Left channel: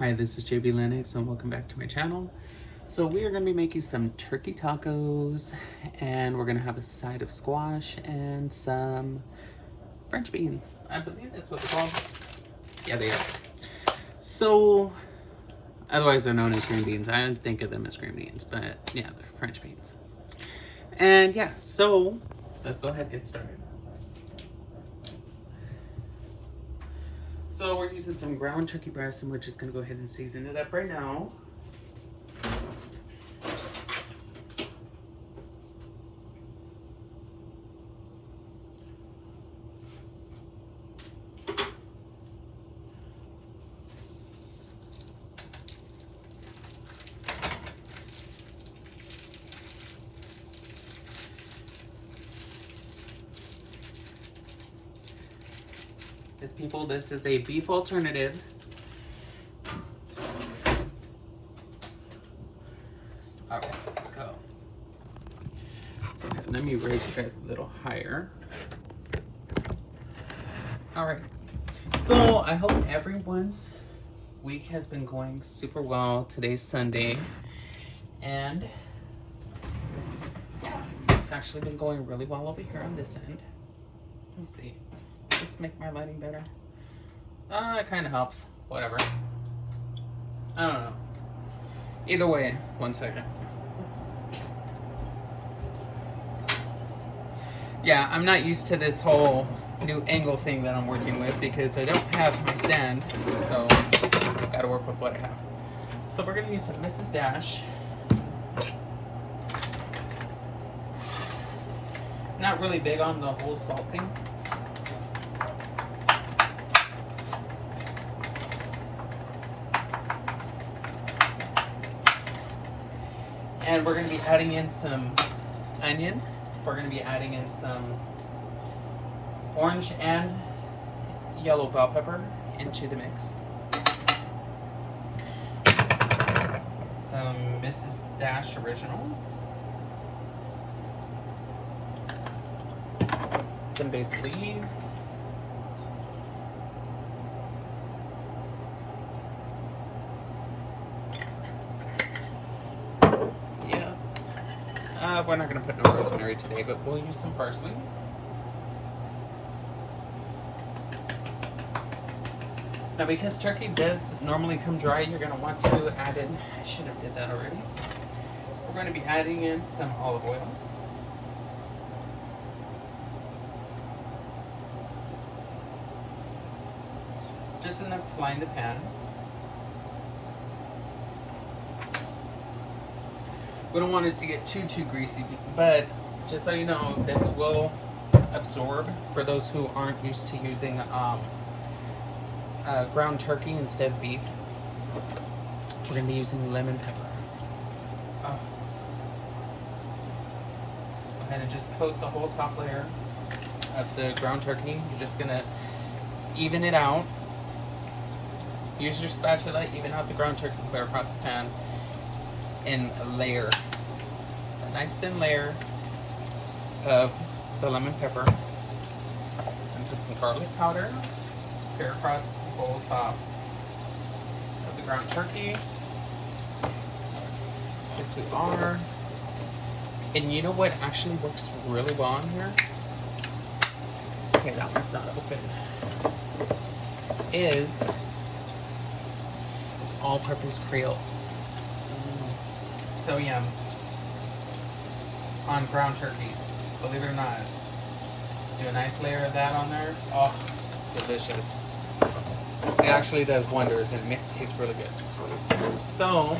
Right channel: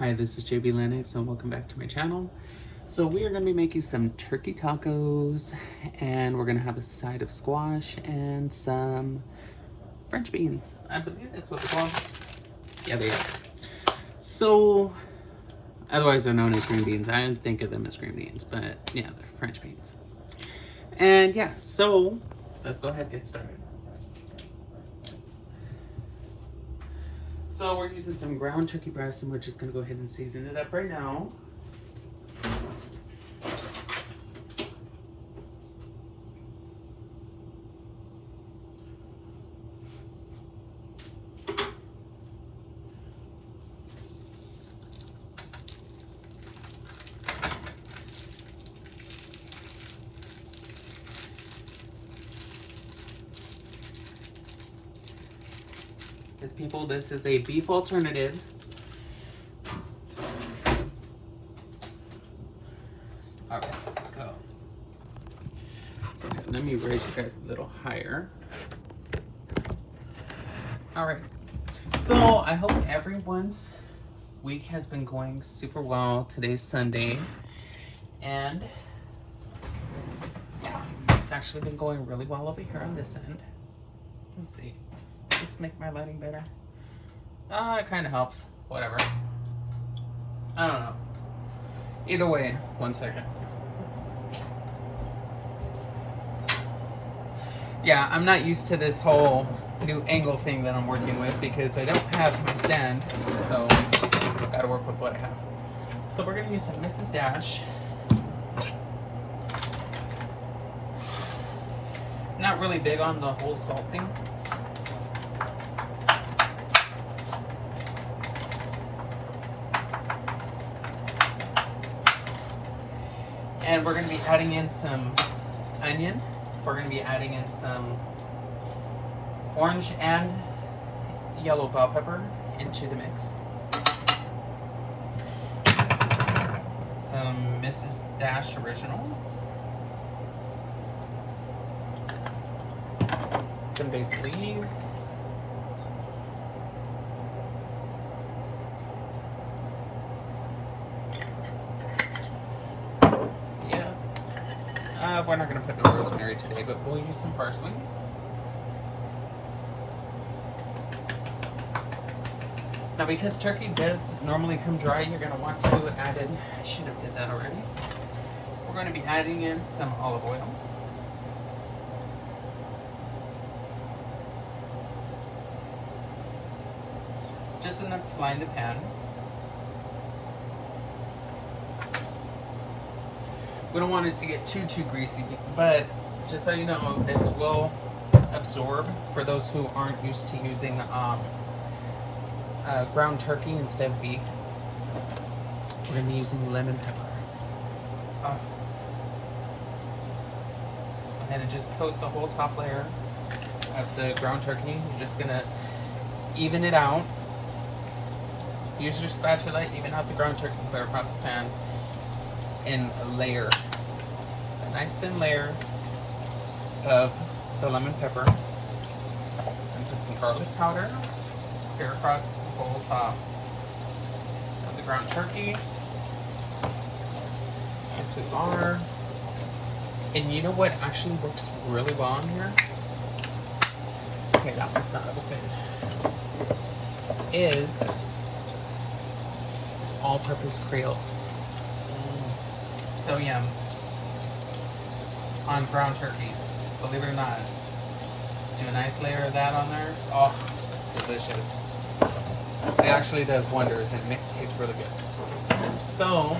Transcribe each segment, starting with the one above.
Hi, this is JB Lennox and welcome back to my channel. So we are going to be making some turkey tacos and we're going to have a side of squash and some French beans. I believe that's what they're called. Yeah, they are. So, otherwise they're known as green beans. I don't think of them as green beans, but yeah, they're French beans. And yeah, so let's go ahead and get started. So we're using some ground turkey breast and we're just gonna go ahead and season it up right now. Because people, this is a beef alternative. All right, let's go. So let me raise you guys a little higher. All right, so I hope everyone's week has been going super well. Today's Sunday, and it's actually been going really well over here on this end. Let me see. Just make my lighting better. It kind of helps. Whatever. I don't know. Either way, 1 second. Yeah, I'm not used to this whole new angle thing that I'm working with because I don't have my stand, so gotta work with what I have. So we're gonna use some Mrs. Dash. Not really big on the whole salt thing. And we're going to be adding in some onion. We're going to be adding in some orange and yellow bell pepper into the mix. Some Mrs. Dash Original. Some basil leaves. We're not going to put no rosemary today, but we'll use some parsley. Now, because turkey does normally come dry, you're going to want to add in, I should have did that already. We're going to be adding in some olive oil. Just enough to line the pan. We don't want it to get too greasy, but just so you know, this will absorb for those who aren't used to using ground turkey instead of beef. We're going to be using lemon pepper. And just coat the whole top layer of the ground turkey. You're just going to even it out. Use your spatula, even out the ground turkey, clear across the pan. In a layer, a nice thin layer of the lemon pepper, and put some garlic powder here across the whole top of the ground turkey, the sweet batter. And you know what actually works really well on here? Okay, that one's not open. Is all-purpose Creole. So yum on ground turkey, believe it or not. Just do a nice layer of that on there. Oh, delicious. It actually does wonders and it makes it taste really good. So,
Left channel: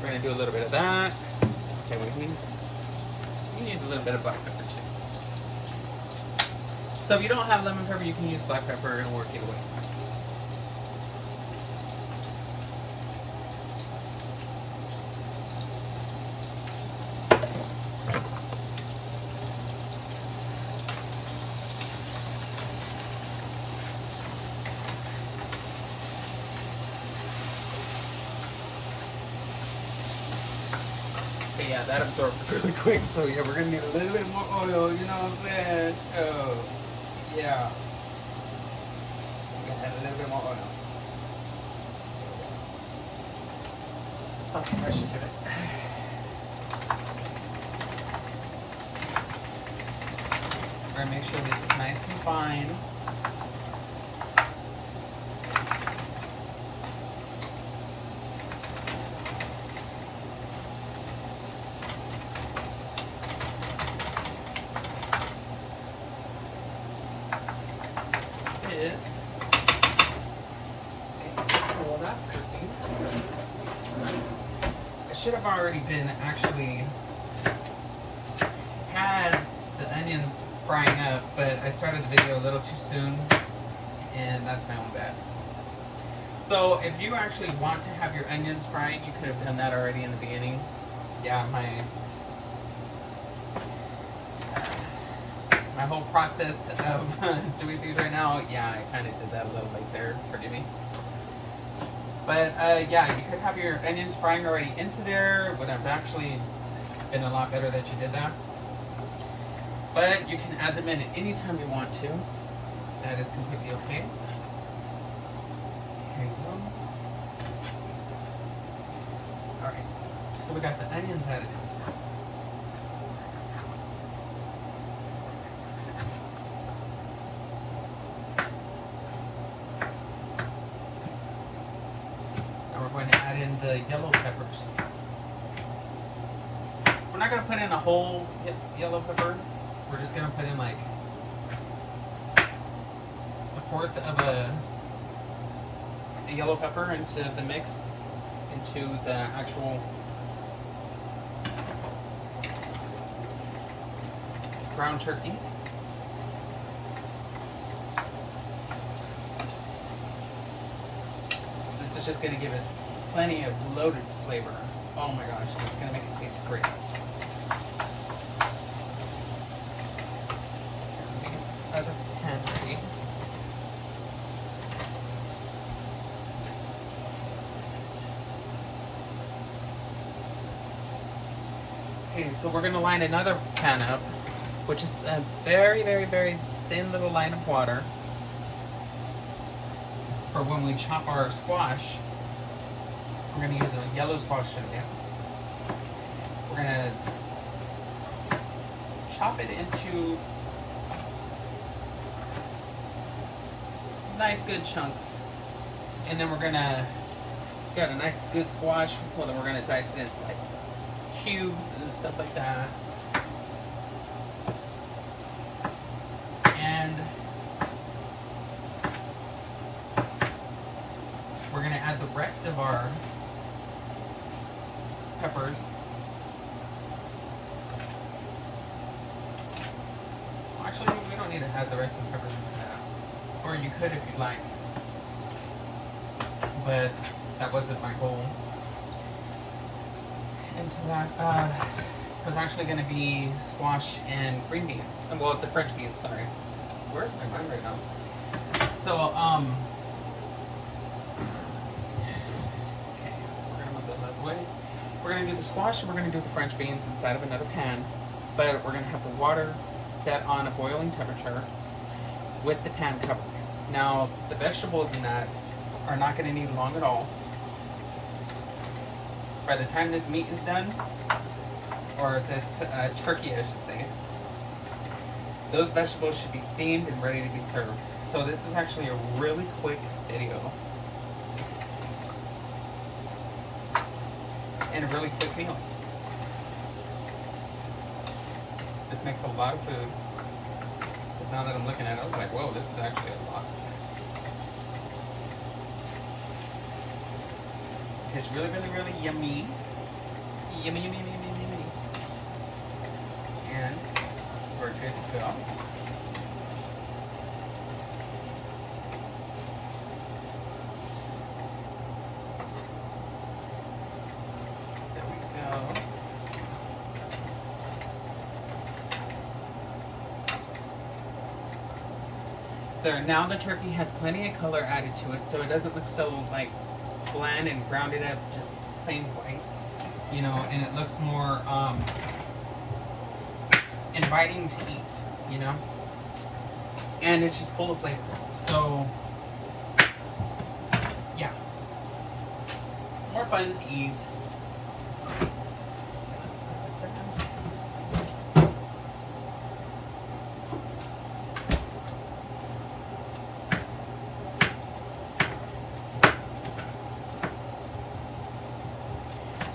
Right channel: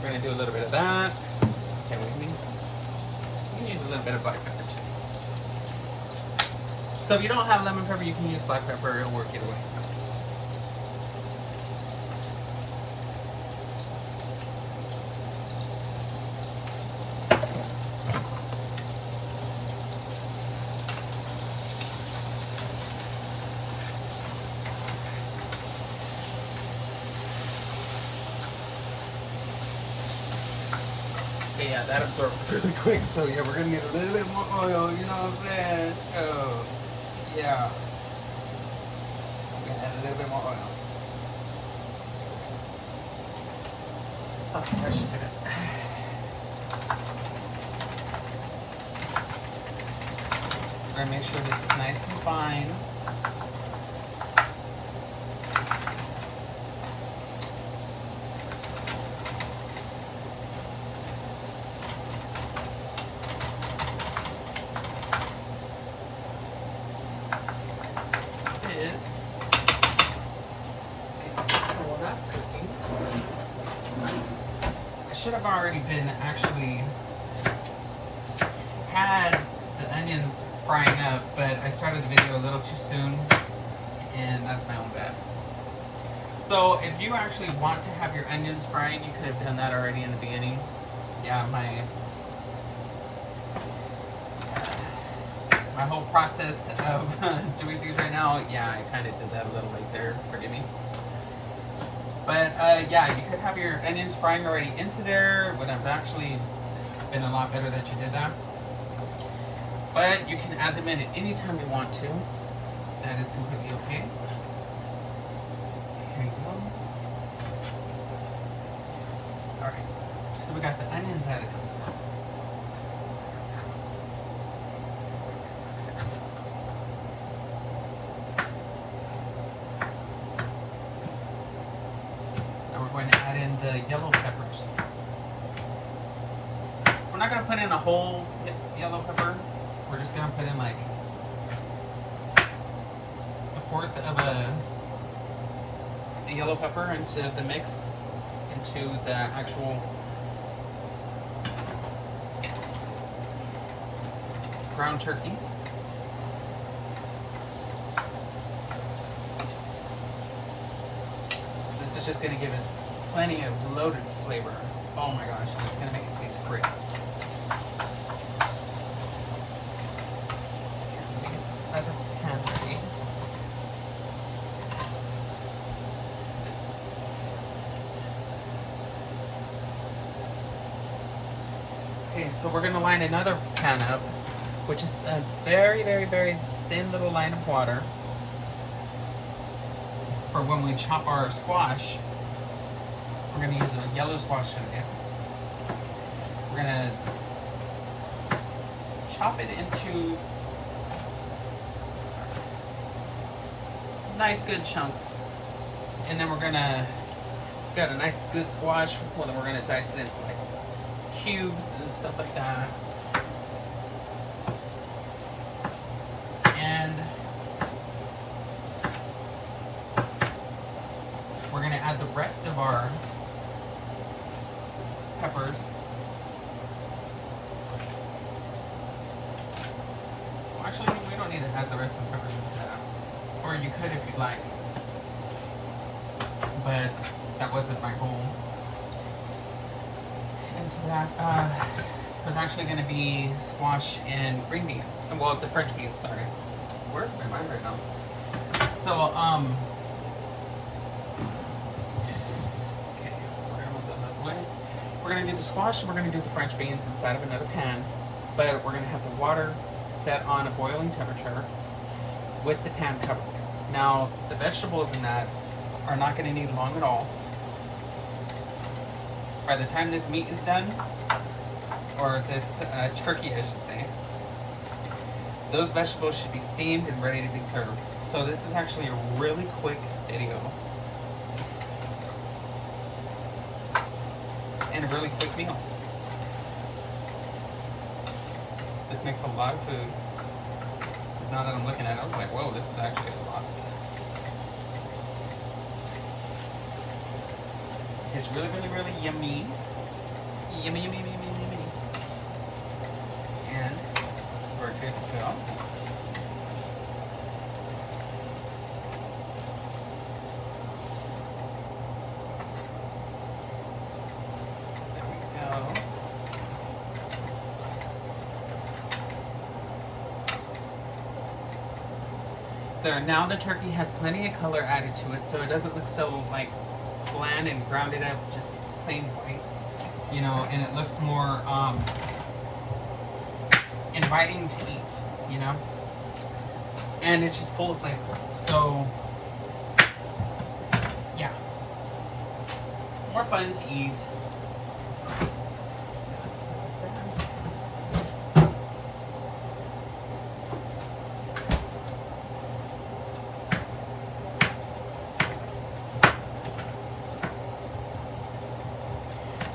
we're going to do a little bit of that. Okay, we can use a little bit of black pepper too. So if you don't have lemon pepper, you can use black pepper. It'll work either way. But yeah, that absorbs really quick. So yeah, we're gonna get a little bit more oil, you know what I'm saying? So yeah. We add a little bit more oil. Okay, I should do it. Gotta make sure this is nice and fine. Is so that's cooking. I should have already been actually had the onions frying up, but I started the video a little too soon, and that's my own bad. So if you actually want to have your onions frying, you could have done that already in the beginning. Yeah, my whole process of doing these right now, yeah, I kind of did that a little late there, forgive me. But yeah, you could have your onions frying already into there. Would have actually been a lot better that you did that. But you can add them in at any time you want to. That is completely okay. Here you go. Alright, so we got the onions added in. The yellow peppers. We're not going to put in a whole yellow pepper. We're just going to put in like a fourth of a yellow pepper into the mix, into the actual ground turkey. This is just going to give it plenty of loaded flavor. Oh my gosh, it's gonna make it taste great. Let me get this other pan ready. Okay, so we're gonna line another pan up, which is a very, very, very thin little line of water for when we chop our squash. We're going to use a yellow squash today. We're going to chop it into nice good chunks. And then we're going to get a nice good squash. Well, then we're going to dice it into like cubes and stuff like that. And we're going to add the rest of our peppers. Well, actually, we don't need to add the rest of the peppers into that. Or you could if you like. But that wasn't my goal. Into that, there's actually going to be squash and green beans. Well, the French beans, sorry. Where's my mind right now? So, we're going to do the squash and we're going to do the French beans inside of another pan, but we're going to have the water set on a boiling temperature with the pan covered. Now, the vegetables in that are not going to need long at all. By the time this meat is done, or this turkey, I should say, those vegetables should be steamed and ready to be served. So this is actually a really quick video. And a really quick meal. This makes a lot of food. Because now that I'm looking at it, I was like, whoa, this is actually a lot. It's really, really, really yummy. Yummy, yummy, yummy, yummy, yummy. And we're good to go. There, now the turkey has plenty of color added to it, so it doesn't look so like bland and grounded up, just plain white, you know, and it looks more inviting to eat, you know, and it's just full of flavor. So yeah, more fun to eat,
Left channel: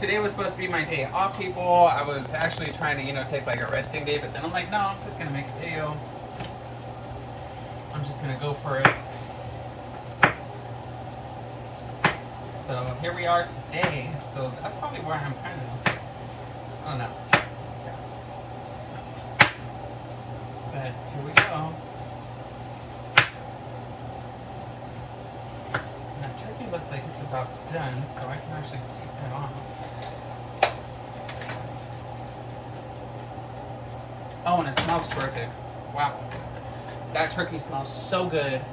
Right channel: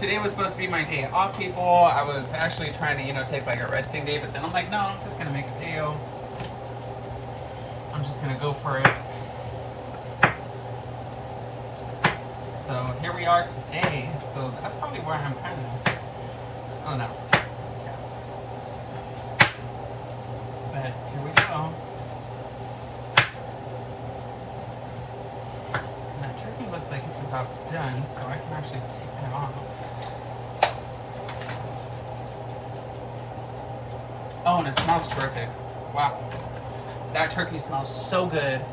today was supposed to be my day off, people. I was actually trying to, you know, take like a resting day, but then I'm like, no, I'm just gonna make a video. I'm just gonna go for it. So here we are today. So that's probably why I'm kind of, oh no. But here we go. And the turkey looks like it's about done, so I can actually take that off. Oh, and it smells terrific. Wow. That turkey smells so good.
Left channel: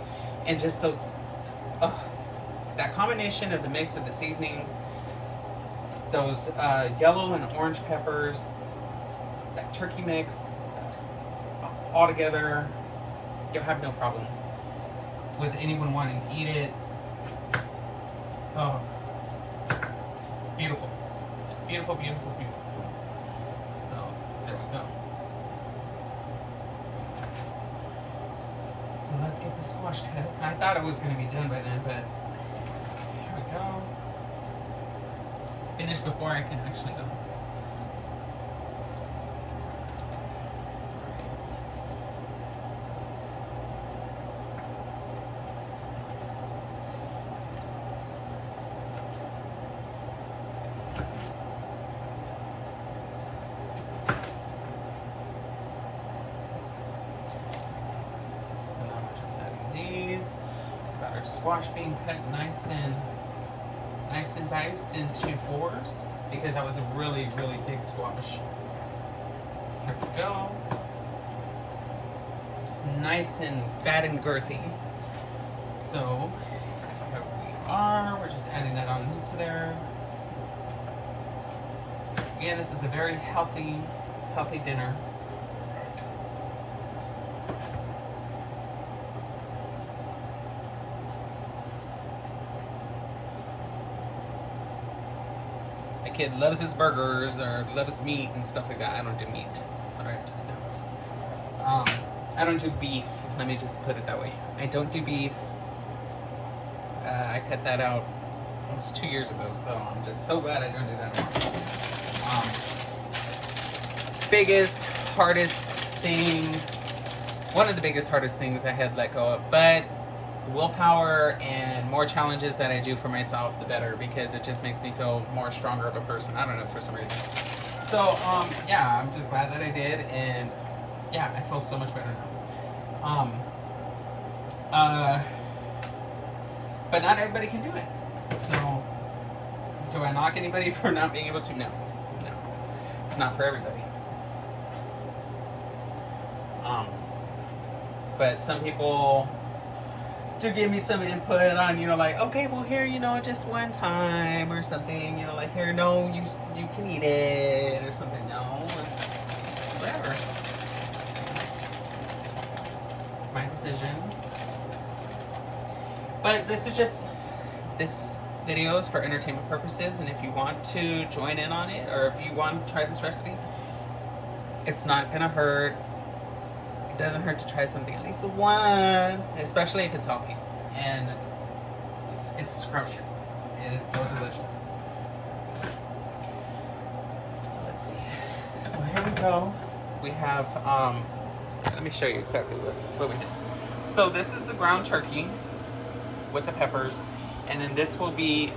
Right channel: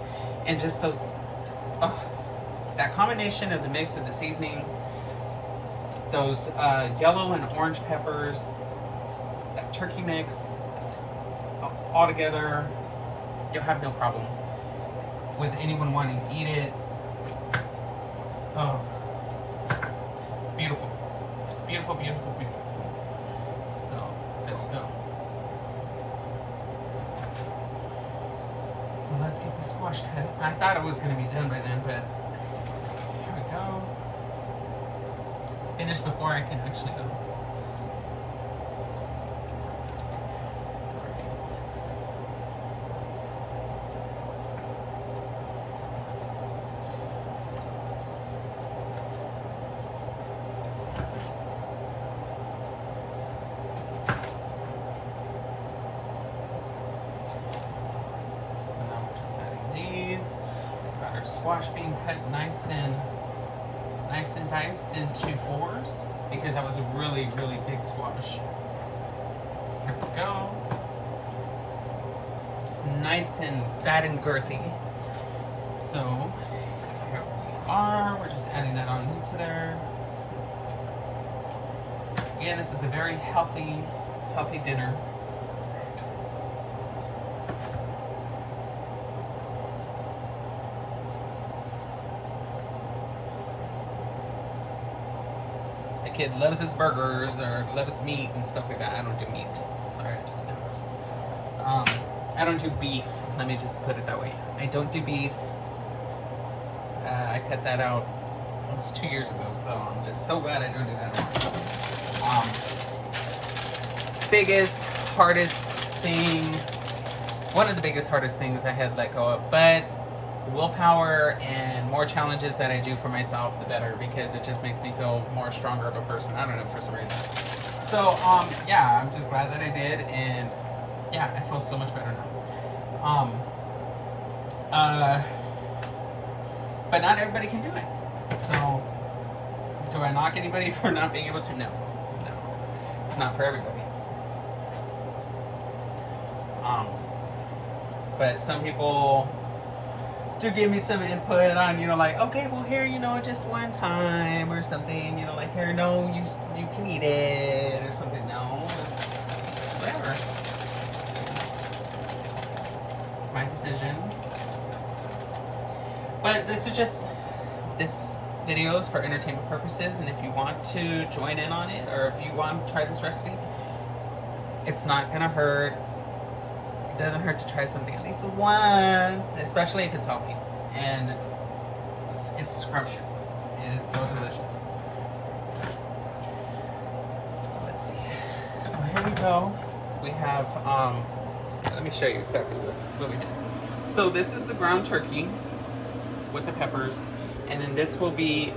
And just those, that combination of the mix of the seasonings, those yellow and orange peppers, that turkey mix, all together, you'll have no problem with anyone wanting to eat it. Oh, beautiful. Beautiful, beautiful, beautiful. So, there we go. So let's get the squash cut. I thought it was going to be done by then, but here we go. Finish before I can actually go. Squash being cut nice and diced into fours because that was a really big squash. There we go. It's nice and fat and girthy. So here we are. We're just adding that on into there. Yeah, this is a very healthy dinner. Kid loves his burgers or loves meat and stuff like that. I don't do meat. Sorry, I just I don't do beef. Let me just put it that way. I don't do beef. I cut that out almost 2 years ago, so I'm just so glad I don't do that anymore. Biggest, hardest thing. One of the biggest, hardest things I had let go of, but willpower and more challenges that I do for myself, the better, because it just makes me feel more stronger of a person. I don't know, for some reason. So, yeah, I'm just glad that I did, and yeah, I feel so much better now. But not everybody can do it. So, do I knock anybody for not being able to? No. No. It's not for everybody. But some people to give me some input on, you know, like, okay, well, here, you know, just one time or something, you know, like, here, no, you can eat it or something, no, or whatever. It's my decision. But this video is for entertainment purposes, and if you want to join in on it, or if you want to try this recipe, it's not gonna hurt. It doesn't hurt to try something at least once, especially if it's healthy. And it's scrumptious. It is so delicious. So let's see. So here we go. We have, let me show you exactly what we did. So this is the ground turkey with the peppers. And then this will be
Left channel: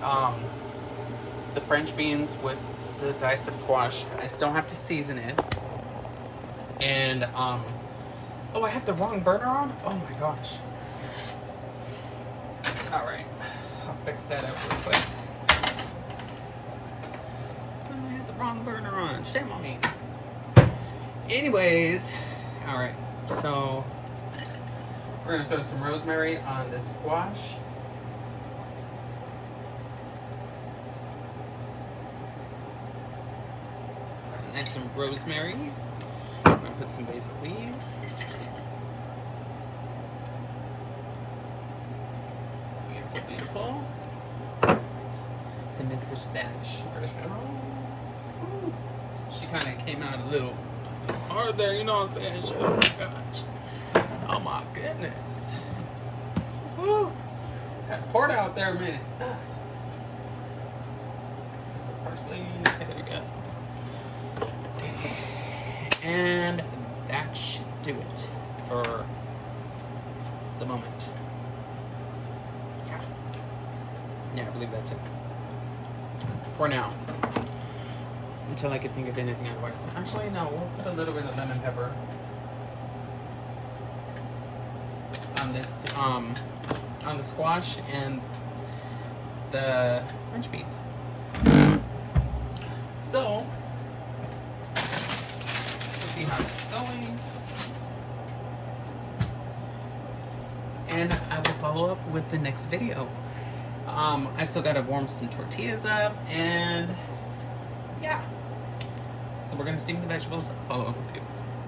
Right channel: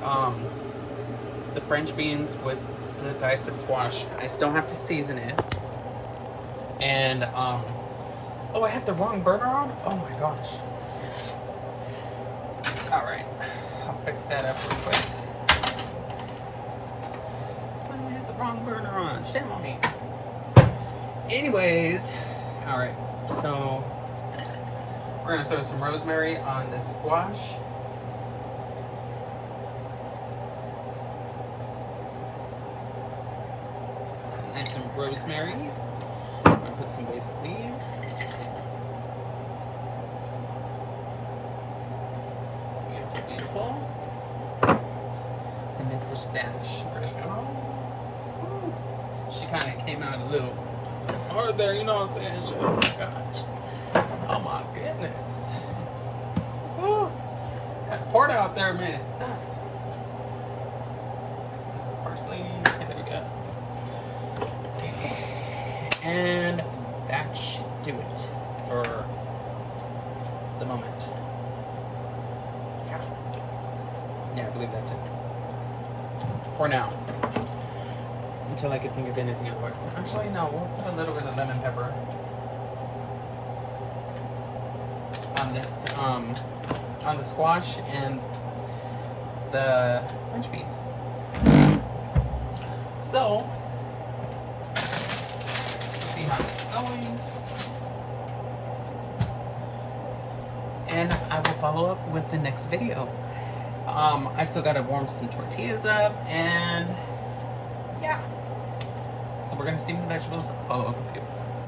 the French beans with the diced up squash. I still have to season it. And, oh, I have the wrong burner on? Oh my gosh. Alright, I'll fix that up real quick. I had the wrong burner on. Shame on me. Anyways, alright, so we're gonna throw some rosemary on this squash. Nice some rosemary. I'm gonna put some basil leaves. Beautiful. Some Mrs. Dash. She kind of came out a little hard there, you know what I'm saying? Oh my gosh. Oh my goodness. Woo. Got poured out there a minute. parsley. Okay, there we go. Okay. And that should do it for the moment. Yeah, I believe that's it. For now. Until I can think of anything otherwise. Actually, no, we'll put a little bit of lemon pepper on this, on the squash and the French beans. So, let's see how it's going. And I will follow up with the next video. I still gotta warm some tortillas up, and yeah. So we're gonna steam the vegetables, follow up with you.